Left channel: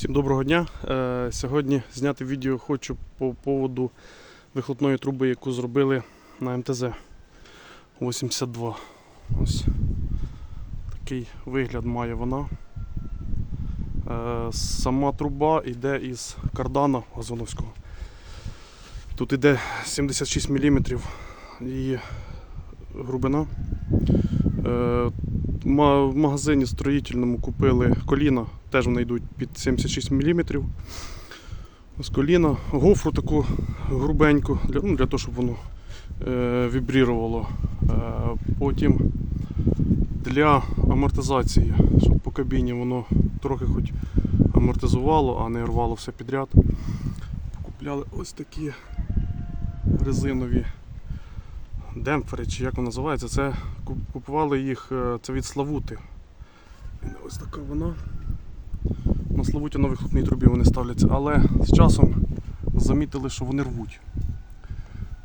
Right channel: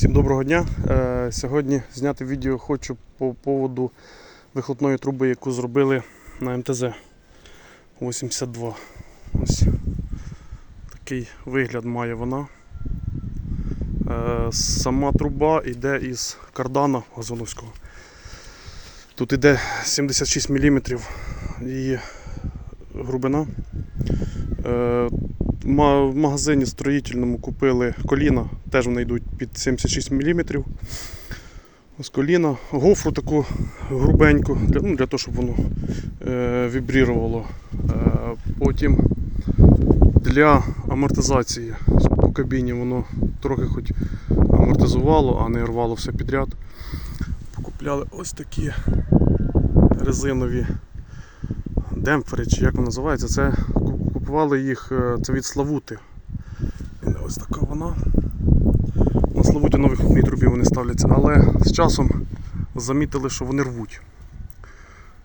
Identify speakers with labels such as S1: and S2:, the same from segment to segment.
S1: Всім доброго дня. Е, Сьогодні зняти відео хочу по поводу вихлопної труби, яку зробили на МТЗ 82. Ось такий вигляд має вона. Е, Сама труба йде із кардана газоновського. Тут йде 76 мм її глибина. В магазині строїтельному купили коліна, теж вони йдуть під 76 мм. Ось коліна, гофру таку грубеньку, для, ну, для того, щоб воно е, вібрірувало. Е, потім для амортизації, щоб по кабіні воно трохи хоч амортизувало, а не рвало все підряд. Покупляли ось такі резинові демпфери, чи як воно називається, це купували їх е, це від Славути. Ось така вона. На Славуті на вихлопній трубі вони ставляться, але з часом замітили, що вони рвуть.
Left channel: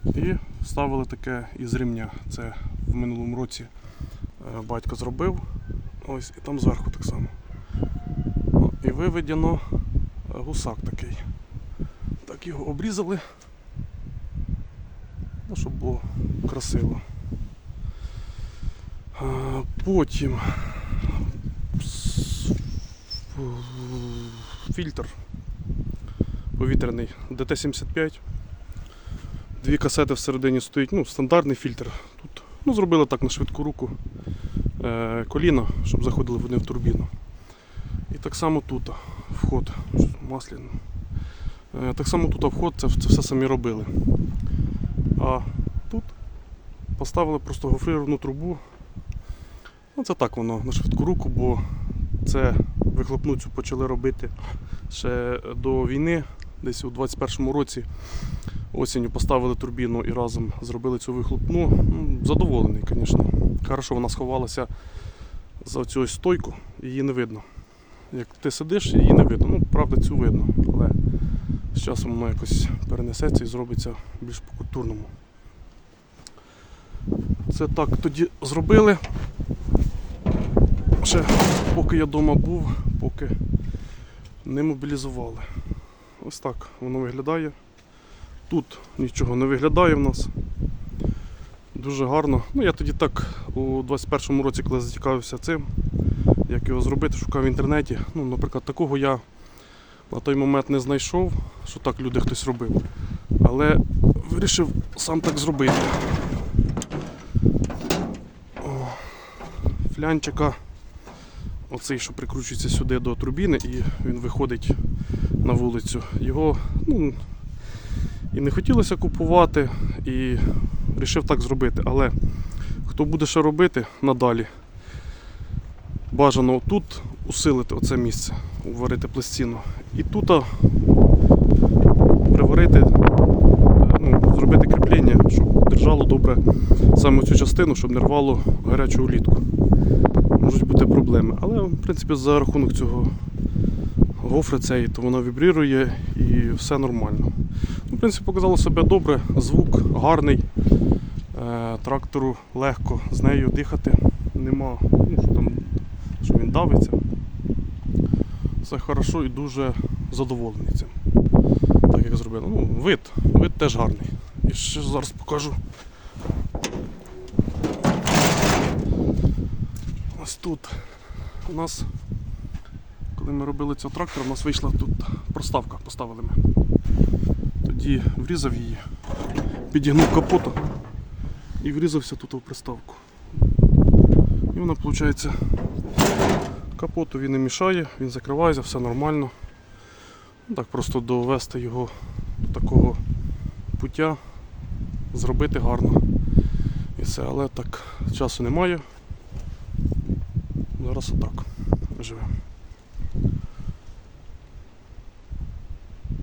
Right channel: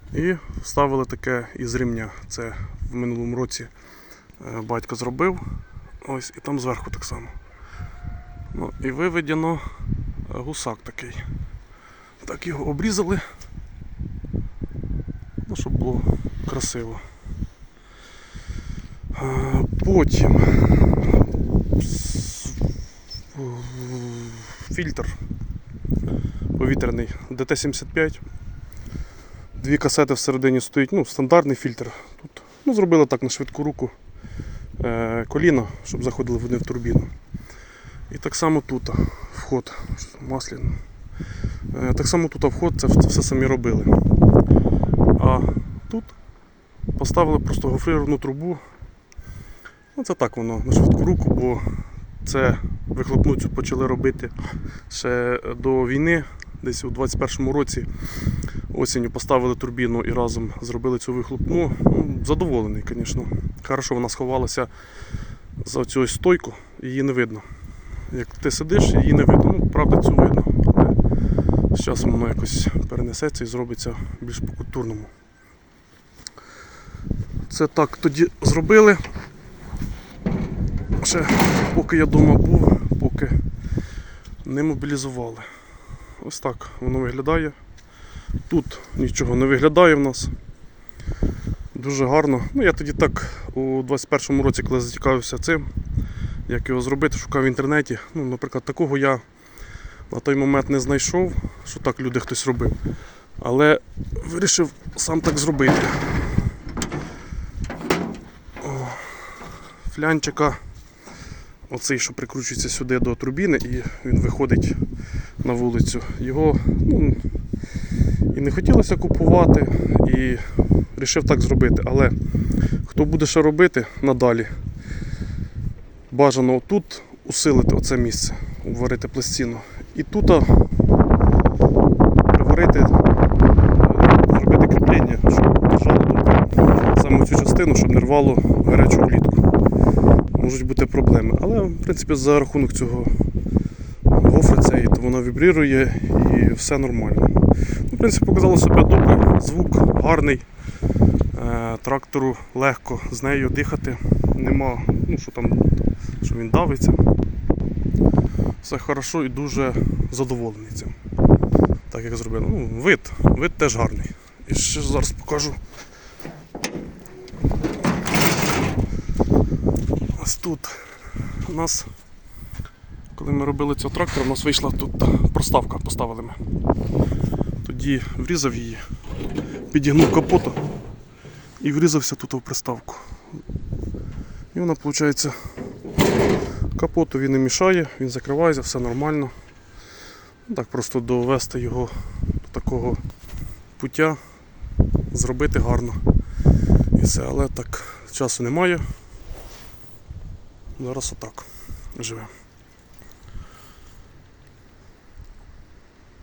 S1: І вставили таке із ремня. Це в минулому році е, батько зробив. Ось і там зверху так само. І виведено е, гусак такий. Так його обрізали. Ну, щоб було красиво. Потім фільтр повітряний ДТ-75. Дві касети всередині стоїть, ну, стандартний фільтр. Тут, ну, зробили так на швидку руку е, коліна, щоб заходили вони в турбіну. І так само тут вход масляний. Е, так само тут вход, це, це все самі робили. А тут поставили просто гофрировану трубу. Ну, це так воно на швидку руку, бо це вихлопну цю почали робити ще до війни, десь у 21-му році. Осінню поставили турбіну і разом зробили цю вихлопну. Ну, Задоволений, звісно. Хорошо, вона сховалася за цю стойку, її не видно. Як ти сидиш, її не видно. Ну, правда, цю видно. Але з часом воно якось перенесеться і зробиться більш по-культурному. Це так тоді зробили. Ще поки я вдома був, поки не мобілізували. Ось так воно виглядає. Тут нічого не виглядає в нас. Дуже гарно. Ну, я тоді так у 21-му році, коли зацікавився цим, як його зробити, шукав в інтернеті. Ну, наприклад, такого я на той момент не знайшов, що так люди хтось робив. Але вирішив сам так зробити. О, флянчика, оцей, що прикручується сюди до турбіни, і він виходить на вулицю. Його ну, і не хотілося купувати, і вирішив так зробити. Але хто буде ще робити надалі, бажано тут усилити оце місце, уварити пластину. І тут приварити, зробити кріплення, щоб держало добре саме цю частину, щоб не рвало гарячу влітку. Можуть бути проблеми. Але в принципі за рахунок цього гофри цієї, то вона вібрірує і все нормально. Ну, В принципі, показало себе добре, звук гарний. Е, Трактору легко з нею дихати. Нема, ну що там, що він давиться. Все хорошо і дуже задоволений цим. Так як зробили. Ну, вид, вид теж гарний. І ще зараз покажу. Ось тут у нас, коли ми робили цього трактора, у нас вийшла тут проставка, поставили ми. Тоді врізав її, підігнув капоту і врізався тут в приставку. І вона, виходить, капоту він не мішає, він закривається, все нормально. Ну, Так просто довести його до такого пуття, зробити гарно. І все, але так часу немає. Зараз отак живемо.